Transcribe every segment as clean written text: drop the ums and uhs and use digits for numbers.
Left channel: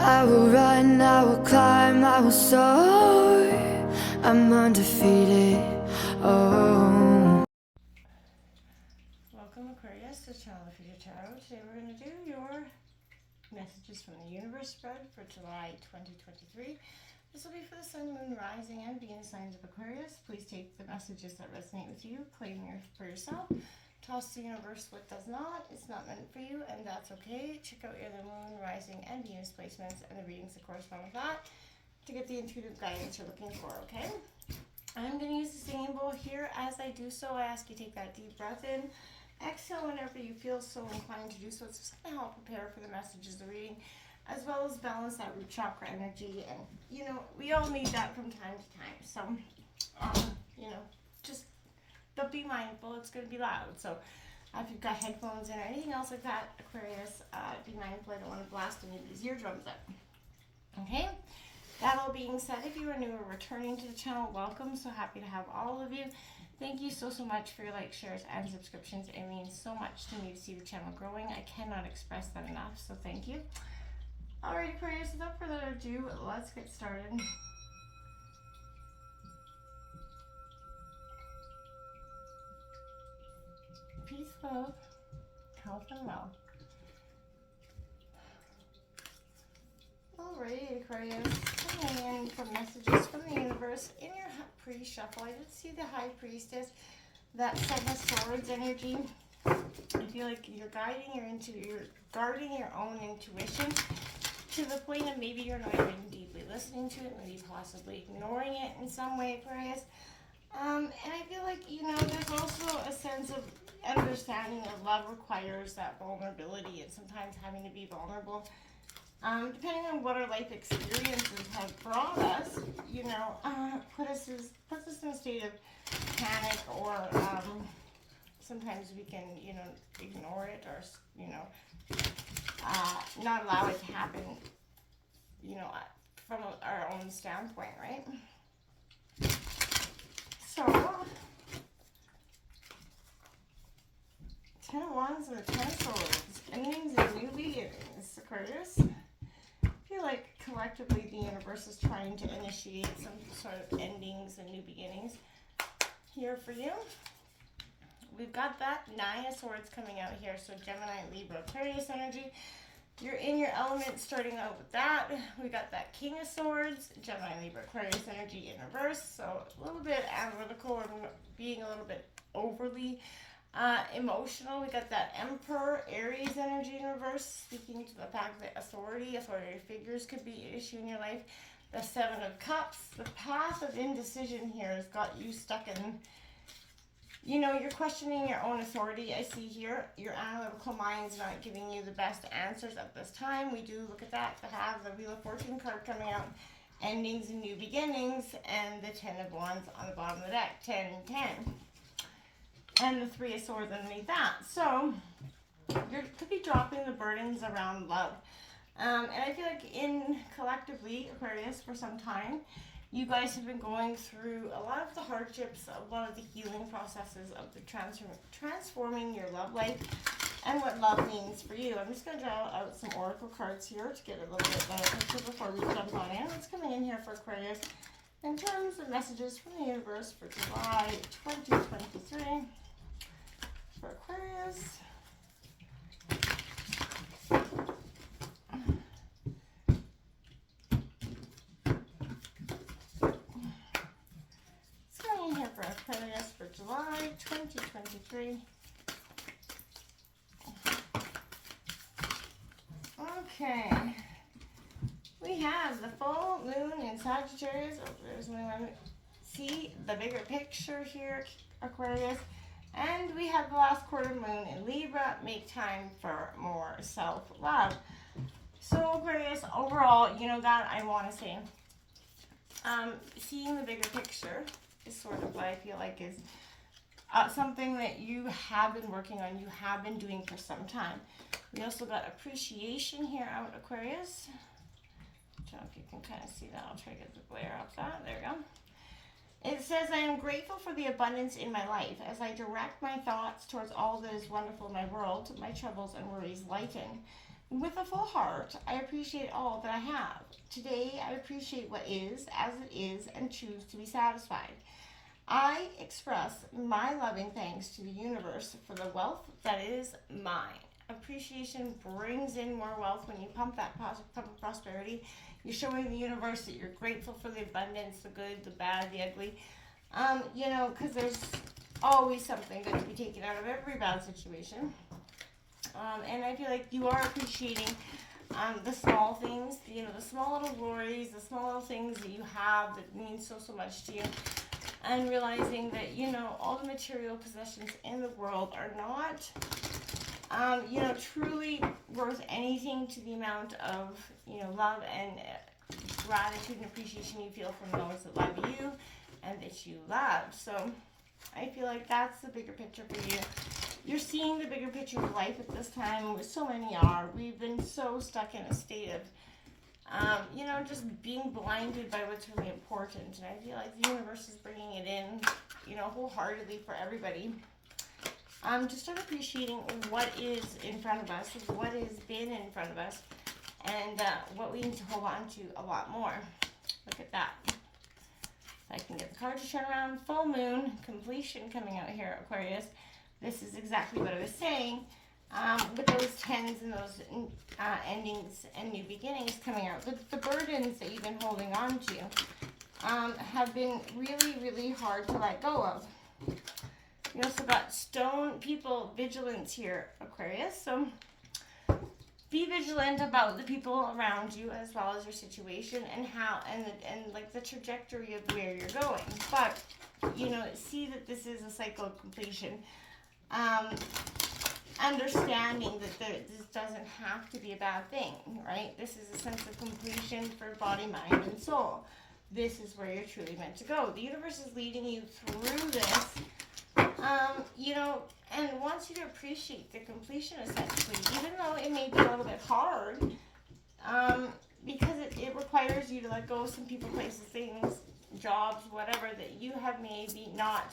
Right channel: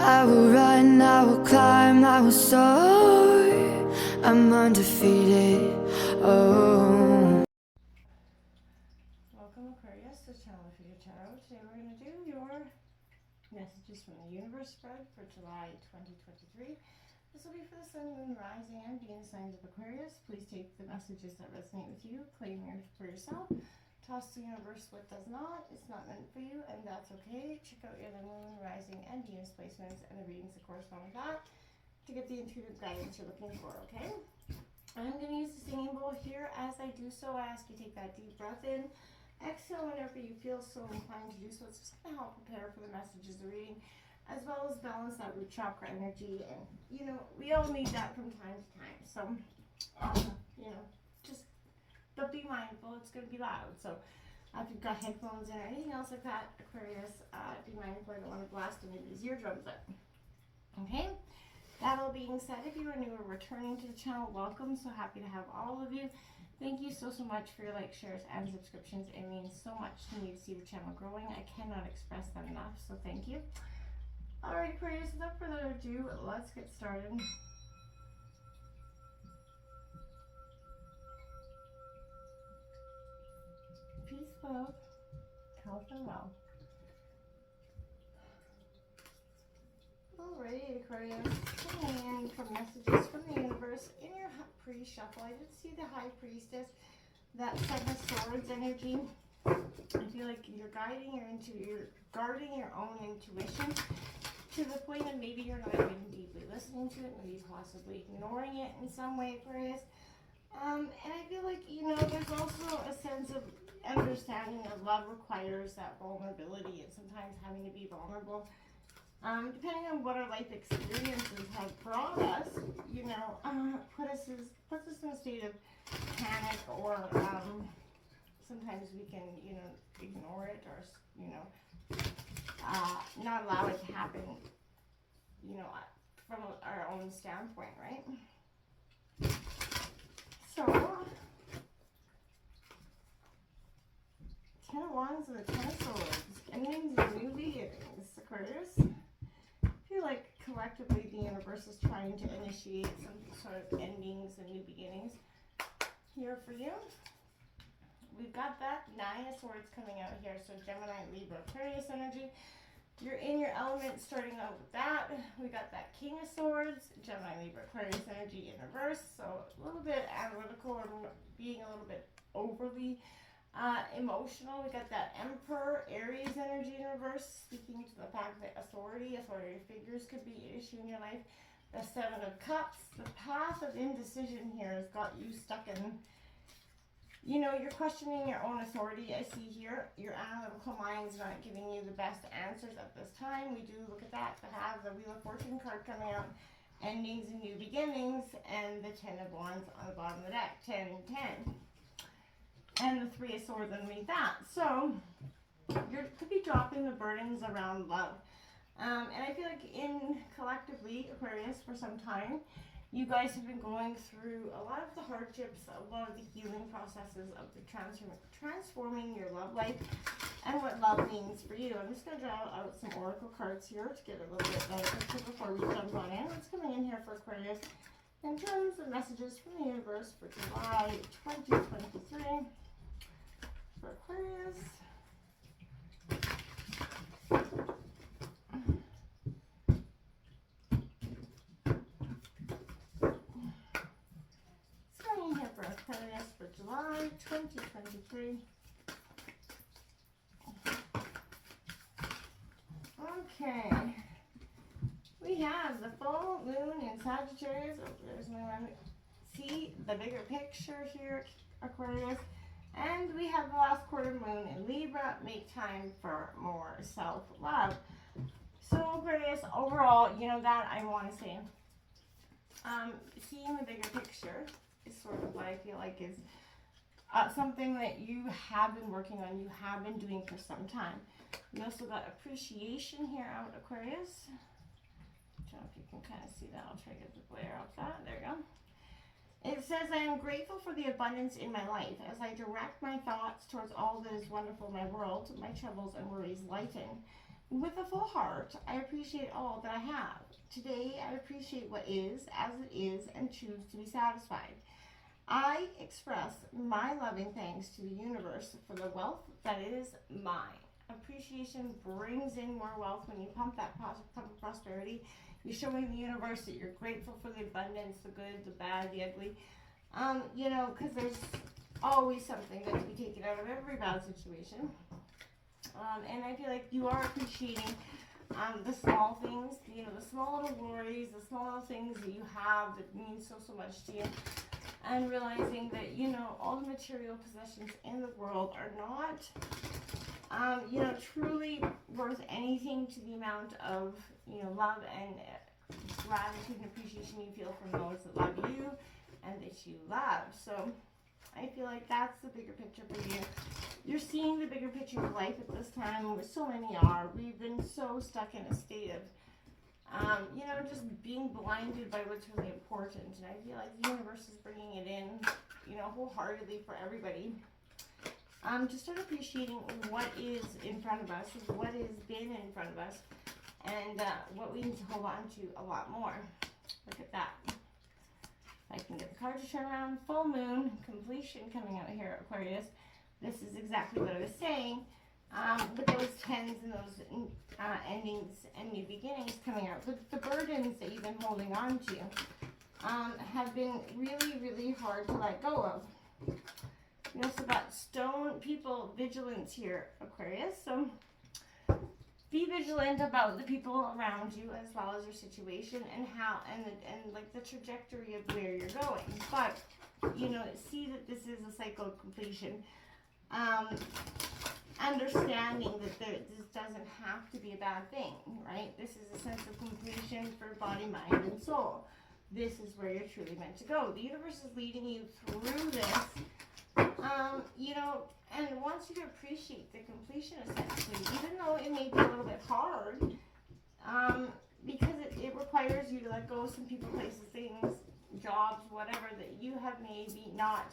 I will run, I will climb, I will soar. I'm undefeated. Oh. Welcome, Aquarius, to Channel of Future Tarot. Today we're going to do your messages from the universe spread for July 2023. This will be for the Sun, Moon, Rising, and Venus signs of Aquarius. Please take the messages that resonate with you, claim for yourself. Toss the universe what does not. It's not meant for you, and that's okay. Check out your Moon, Rising, and Venus placements and the readings that correspond with that to get the intuitive guidance you're looking for, okay? I'm going to use the singing bowl here. As I do so, I ask you to take that deep breath in. Exhale whenever you feel so inclined to do so. It's just going to help prepare for the messages of the reading, as well as balance that root chakra energy. And, you know, we all need that from time to time. So, you know, just but be mindful. It's going to be loud. So, if you've got headphones in or anything else like that, Aquarius, be mindful. I don't want to blast any of these eardrums out. Okay? That all being said, if you are new or returning to the channel, welcome. So happy to have all of you. Thank you so much for your likes, shares, and subscriptions. It means so much to me to see the channel growing. I cannot express that enough, so thank you. Alright, Aquarius, without further ado, let's get started. Peace, love, health, and wealth. Alright, Aquarius, coming in from messages from the universe. In your pre-shuffle, I did see the High Priestess, that Seven of Swords energy. I feel like you're guarding your own intuition to the point of maybe you're not even deeply listening to it, maybe possibly ignoring it in some way, Aquarius. And I feel like, you know, there's also a sense of understanding that love requires that vulnerability and sometimes having to be vulnerable. Depending on what our life experiences have brought us, you know, puts us in a state of panic, or sometimes we can, you know, ignore it, or, you know, not allow it to happen, you know, from our own standpoint, right? So, 10 of Wands and the 10 of Swords, endings and new beginnings, Aquarius. I feel like collectively the universe is trying to initiate some sort of endings and new beginnings here for you. We've got that Nine of Swords coming out here, so Gemini, Libra, Aquarius energy. You're in your element starting out with that. We got that King of Swords, Gemini, Libra, Aquarius energy in reverse, so a little bit analytical and being a little bit overly emotional. We got that Emperor, Aries energy in reverse, speaking to the fact that authority figures could be an issue in your life. The Seven of Cups, the path of indecision here has got you stuck in, you know, you're questioning your own authority. I see here your analytical mind's not giving you the best answers at this time. We do look at that to have the Wheel of Fortune card coming out, endings and new beginnings, and the 10 of Wands on the bottom of the deck, 10 and 10. And the Three of Swords underneath that. So, you could be dropping the burdens around love. And I feel like collectively, Aquarius, for some time, you guys have been going through a lot of the hardships, a lot of the healing processes of the transforming your love life and what love means for you. I'm just going to draw out some oracle cards here to get a little bit better picture before we jump on in. What's coming in here for Aquarius in terms of messages from the universe for July 2023 for Aquarius. For Aquarius for July 2023. Okay. We have the full moon in Sagittarius. Oh, there's my limit. See the bigger picture here, Aquarius. And we have the last quarter moon in Libra. Make time for more self-love. So Aquarius, overall, you know, that I want to say, seeing the bigger picture is sort of what I feel like is something that you have been working on, you have been doing for some time. We also got appreciation here out, Aquarius. I don't know if you can kind of see that. I'll try to get the glare off that. There we go. It says, I am grateful for the abundance in my life. As I direct my thoughts towards all that is wonderful in my world, my troubles and worries lighten. with a full heart, I appreciate all that I have. Today, I appreciate what is as it is and choose to be satisfied. I express my loving thanks to the universe for the wealth that is mine. Appreciation brings in more wealth when you pump that pump of prosperity. You're showing the universe that you're grateful for the abundance, the good, the bad, the ugly. Because there's always something good to be taken out of every bad situation. And I feel like you are appreciating the small things, the small little glories, the small little things that you have that mean so much to you. And realizing that, all the material possessions in the world are not, truly worth anything to the amount of, love and gratitude and appreciation you feel from those that love you and that you love. So I feel like that's the bigger picture for you. You're seeing the bigger picture of life at this time, which so many are. We've been so stuck in a state of, just being blinded by what's really important. And I feel like the universe is bringing it in, wholeheartedly for everybody. To start appreciating what is in front of us, what has been in front of us, and what we need to hold on to a lot more. Look at that. If I can get the card to turn around, full moon, completion coming out here, Aquarius. This is exactly what I was saying. With those tens and those endings and new beginnings coming out, the burdens that you've been holding on to have been really, really hard to let go of. You also got stone people vigilance here, Aquarius. So be vigilant about the people around you as well as your situation and how and like the trajectory of where you're going. But see that this is a cycle of completion. Understanding that this doesn't have to be a bad thing, right? This is a sense of completion for body, mind, and soul. This is where you're truly meant to go. The universe is leading you through this, and wants you to appreciate the completion, essentially, even though it may be a little bit hard, because it requires you to let go of some people, places, things, jobs, whatever, that you have maybe not,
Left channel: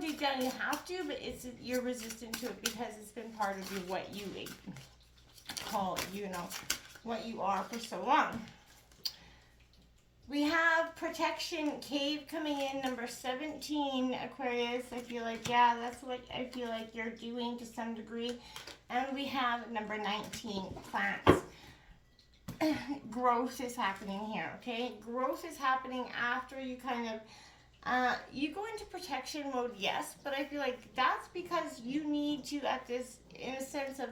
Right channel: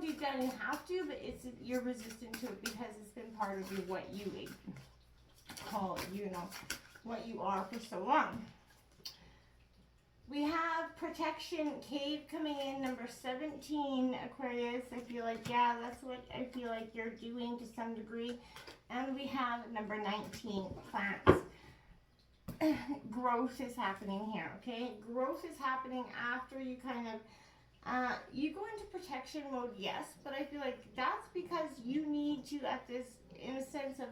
deep down you have to, but you're resistant to it because it's been part of you, what you call, what you are for so long. We have protection cave coming in, number 17, Aquarius. I feel like, yeah, that's what I feel like you're doing to some degree. And we have number 19, plants. Growth is happening here, okay? Growth is happening after you kind of, you go into protection mode, yes, but I feel like that's because you need to, in a sense of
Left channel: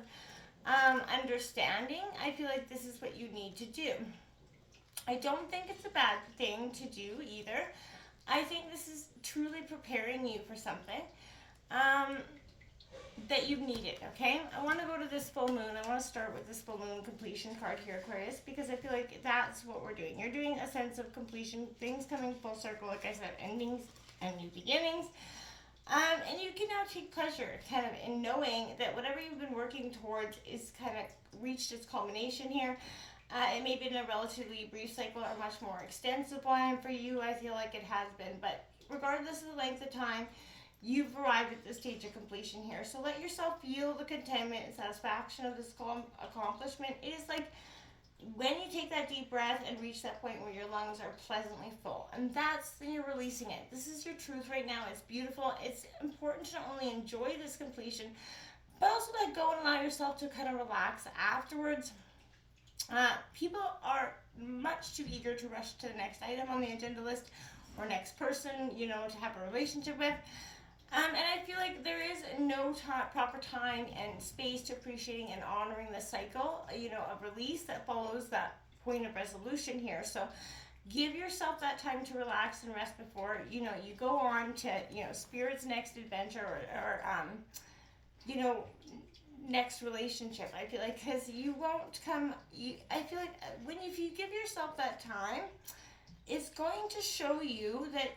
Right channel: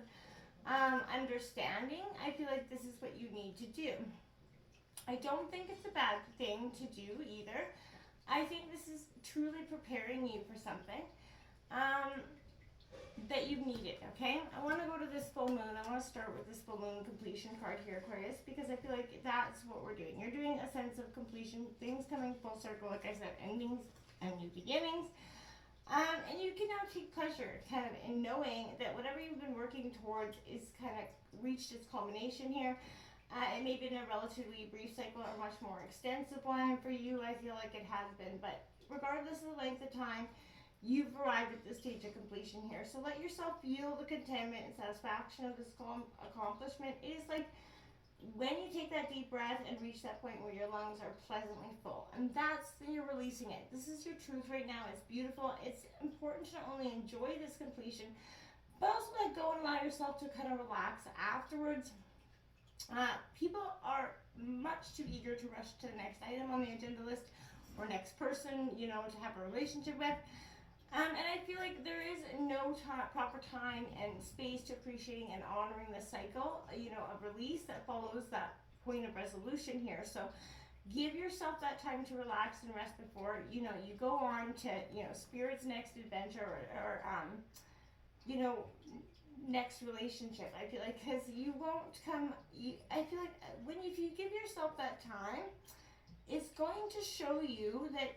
understanding, I feel like this is what you need to do. I don't think it's a bad thing to do either. I think this is truly preparing you for something that you've needed, okay? I want to go to this full moon. I want to start with this full moon completion card here, Aquarius, because I feel like that's what we're doing. You're doing a sense of completion, things coming full circle, like I said, endings and new beginnings. And you can now take pleasure kind of in knowing that whatever you've been working towards is kind of reached its culmination here. It may have been a relatively brief cycle or a much more extensive one for you. I feel like it has been, but regardless of the length of time, you've arrived at this stage of completion here. So let yourself feel the contentment and satisfaction of this accomplishment. It is like when you take that deep breath and reach that point where your lungs are pleasantly full, and that's when you're releasing it. This is your truth right now. It's beautiful. It's important to not only enjoy this completion, but also let go and allow yourself to kind of relax afterwards. People are much too eager to rush to the next item on the agenda list or next person, to have a relationship with. And I feel like there is no proper time and space to appreciating and honoring the cycle, of release that follows that point of resolution here. So give yourself that time to relax and rest before, you go on to, Spirit's next adventure or next relationship. I feel like because you won't come, I feel like if you give yourself that time, it's going to show you that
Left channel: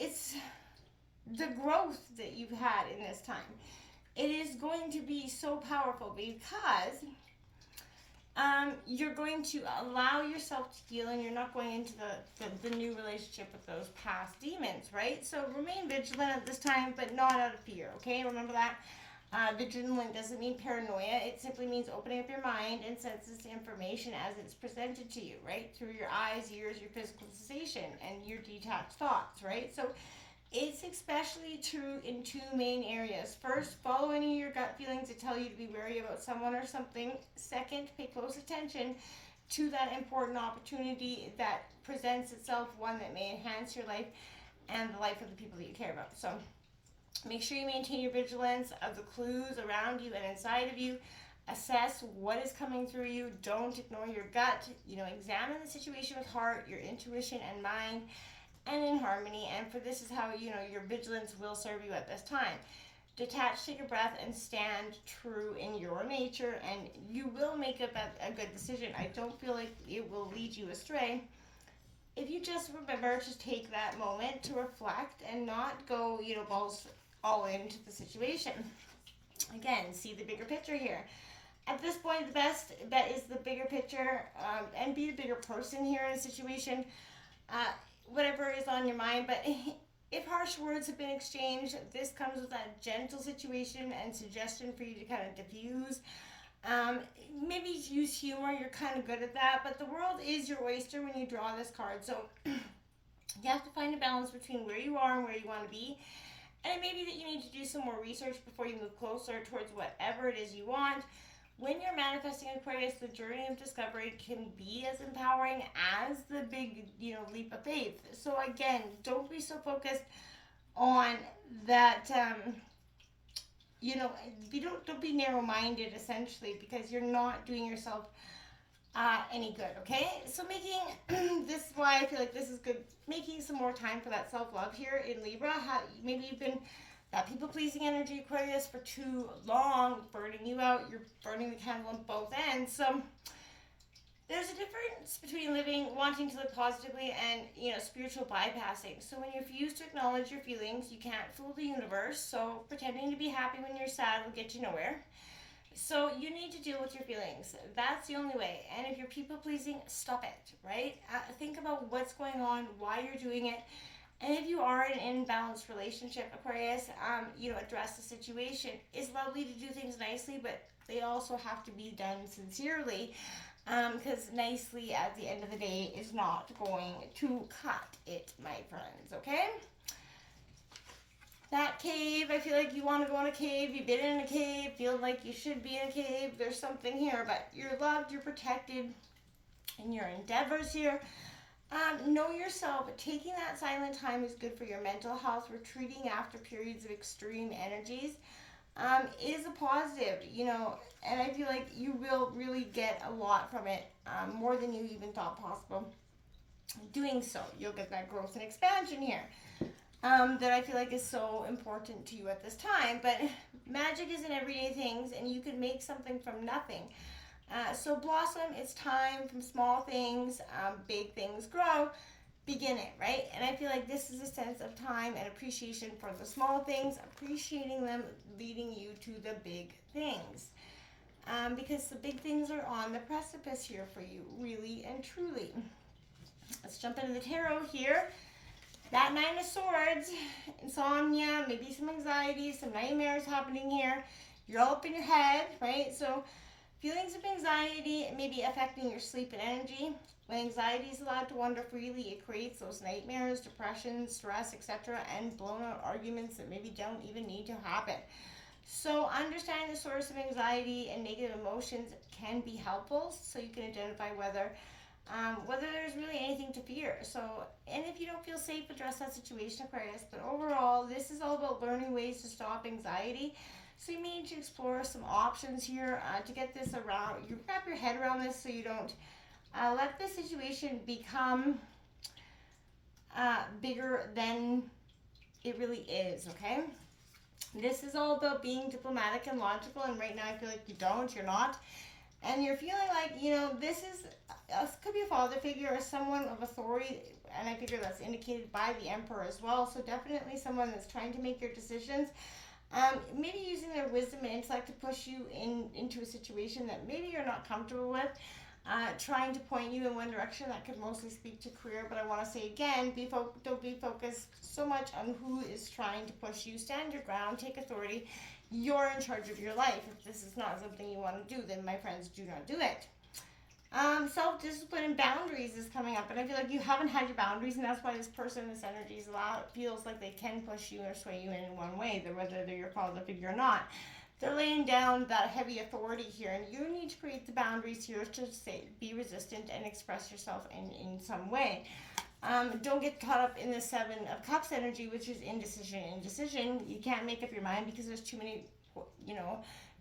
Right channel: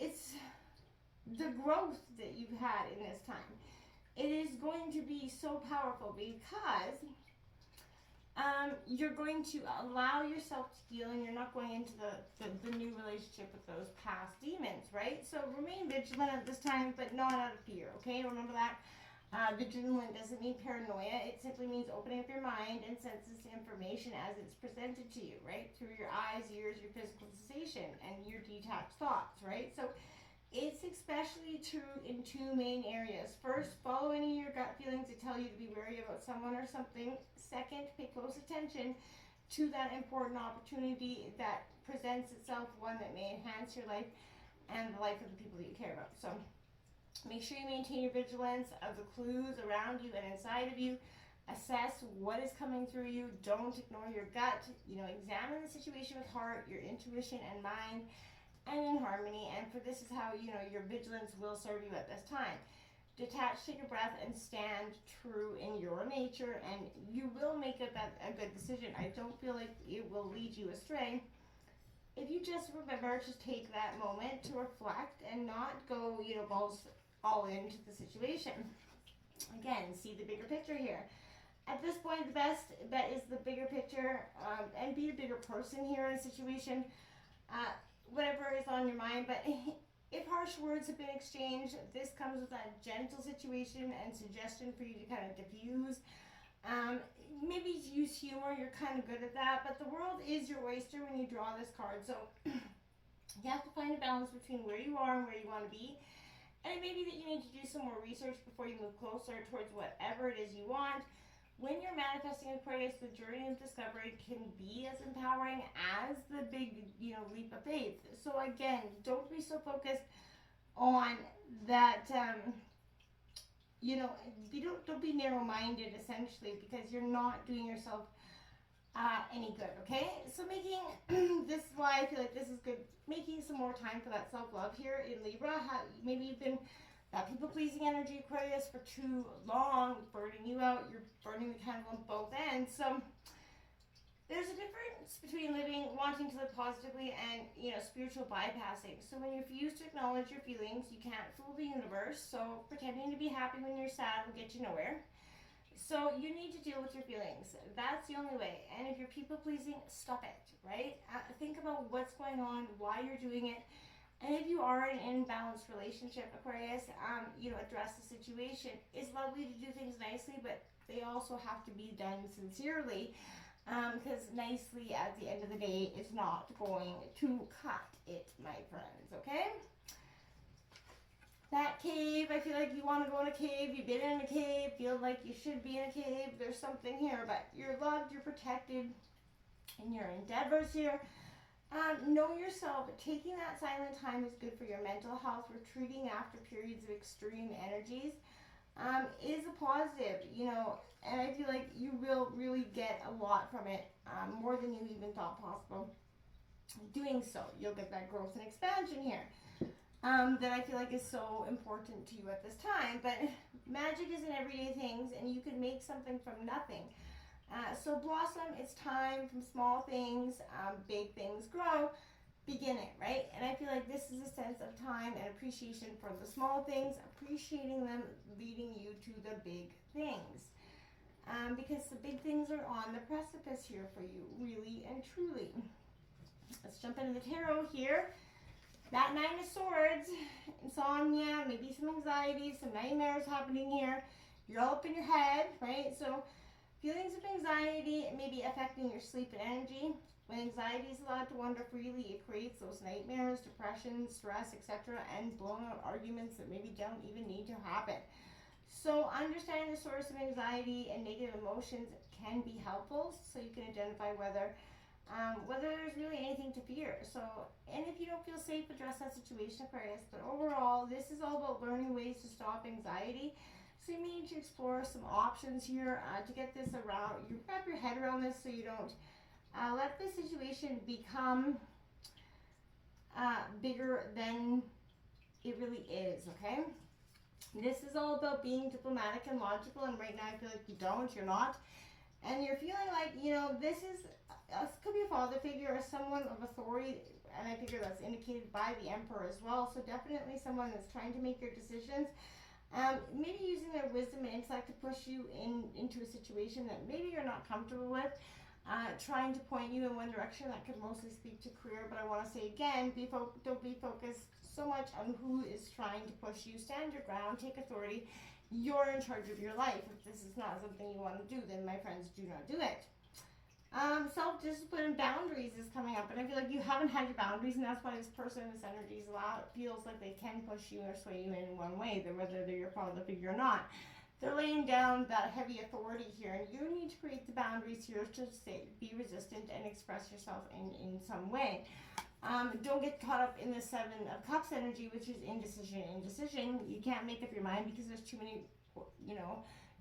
it's the growth that you've had in this time. It is going to be so powerful because you're going to allow yourself to heal, and you're not going into the new relationship with those past demons, right? So remain vigilant at this time, but not out of fear, okay? Remember that. Vigilant doesn't mean paranoia. It simply means opening up your mind and senses to information as it's presented to you, right? Through your eyes, ears, your physical sensation, and your detached thoughts, right? So it's especially true in two main areas. First, follow any of your gut feelings that tell you to be wary about someone or something. Second, pay close attention to that important opportunity that presents itself, one that may enhance your life and the life of the people that you care about. So make sure you maintain your vigilance of the clues around you and inside of you. Assess what is coming through you. Don't ignore your gut. Examine the situation with heart, your intuition, and mind, and in harmony. And for this is how, your vigilance will serve you at this time. Detach, take a breath, and stand true in your nature, and you will make a good decision. I don't feel like it will lead you astray if you just remember to take that moment to reflect and not go, balls all into the situation. Again, see the bigger picture here. At this point, the best bet is the bigger picture, and be a bigger person here in a situation, whatever is on your mind. But if harsh words have been exchanged, this comes with a gentle situation and suggestion for you to kind of diffuse. Maybe use humor, you're kind of good at that, but the world is your oyster when you draw this card. So you have to find a balance between where you are and where you want to be. And it may be that you need to do some more research before you move closer towards whatever it is you want. When you're manifesting Aquarius, the journey of discovery can be as empowering as the big, leap of faith. So again, don't be so focused on that, don't be narrow-minded, essentially, because you're not doing yourself any good, okay? So this is why I feel like this is good, making some more time for that self-love here in Libra. Maybe you've been that people-pleasing energy, Aquarius, for too long, burning you out. You're burning the candle on both ends. So there's a difference between wanting to live positively and, spiritual bypassing. So when you refuse to acknowledge your feelings, you can't fool the universe. So pretending to be happy when you're sad will get you nowhere. So you need to deal with your feelings. That's the only way. And if you're people-pleasing, stop it, right? Think about what's going on, why you're doing it. And if you are in an imbalanced relationship, Aquarius, address the situation. It's lovely to do things nicely, but they also have to be done sincerely, because nicely at the end of the day is not going to cut it, my friends, okay? That cave, I feel like you want to go in a cave. You've been in a cave, feel like you should be in a cave. There's something here, but you're loved, you're protected in your endeavors here. Know yourself. Taking that silent time is good for your mental health. Retreating after periods of extreme energies is a positive, and I feel like you will really get a lot from it, more than you even thought possible. Doing so, you'll get that growth and expansion here, that I feel like is so important to you at this time. But magic is in everyday things, and you can make something from nothing. So blossom, it's time from small things, big things grow, begin it, right? And I feel like this is a sense of time and appreciation for the small things, appreciating them, leading you to the big things. Because the big things are on the precipice here for you, really and truly. Let's jump into the tarot here. That Nine of Swords, insomnia, maybe some anxiety, some nightmares happening here. You're all up in your head, right? So feelings of anxiety may be affecting your sleep and energy. When anxiety is allowed to wander freely, it creates those nightmares, depression, stress, etc., and blown out arguments that maybe don't even need to happen. So understanding the source of anxiety and negative emotions can be helpful, so you can identify whether there's really anything to fear. So, and if you don't feel safe, address that situation, Aquarius. But overall, this is all about learning ways to stop anxiety. So you need to explore some options here to get this around. You wrap your head around this so you don't let the situation become bigger than it really is, okay? This is all about being diplomatic and logical, and right now I feel like you're not. And you're feeling like, this could be a father figure or someone of authority, and I figure that's indicated by the Emperor as well. So definitely someone that's trying to make your decisions. Maybe using their wisdom and intellect to push you into a situation that maybe you're not comfortable with, trying to point you in one direction. That could mostly speak to career, but I want to say again, don't be focused so much on who is trying to push you. Stand your ground, take authority, you're in charge of your life. If this is not something you want to do, then my friends, do not do it. Self-discipline and boundaries is coming up, and I feel like you haven't had your boundaries, and that's why this person, this energy is loud. It feels like they can push you or sway you in one way, whether they're your father figure or not. They're laying down that heavy authority here, and you need to create the boundaries here to be resistant and express yourself in some way. Don't get caught up in the Seven of Cups energy, which is indecision. You can't make up your mind because there's too many,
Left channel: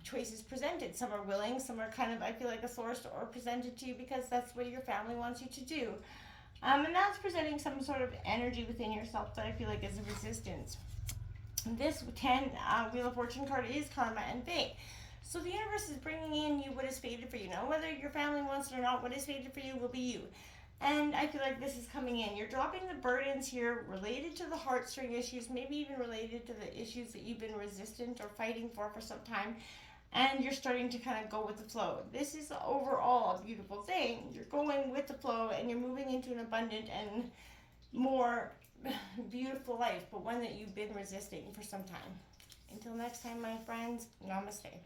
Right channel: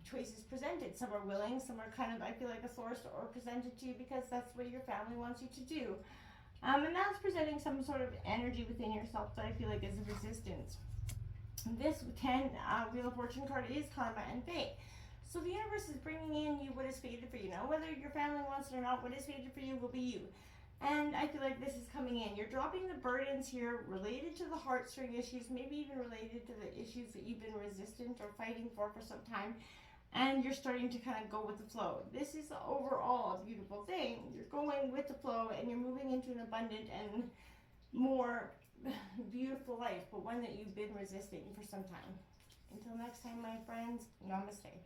choices presented. Some are willing, some are kind of, I feel like, forced or presented to you because that's what your family wants you to do. And that's presenting some sort of energy within yourself that I feel like is a resistance. This Wheel of Fortune card is karma and fate. So the universe is bringing in you what is fated for you. Now, whether your family wants it or not, what is fated for you will be you. And I feel like this is coming in. You're dropping the burdens here related to the heartstring issues, maybe even related to the issues that you've been resistant or fighting for some time. And you're starting to kind of go with the flow. This is overall a beautiful thing. You're going with the flow and you're moving into an abundant and more beautiful life, but one that you've been resisting for some time. Until next time, my friends, namaste.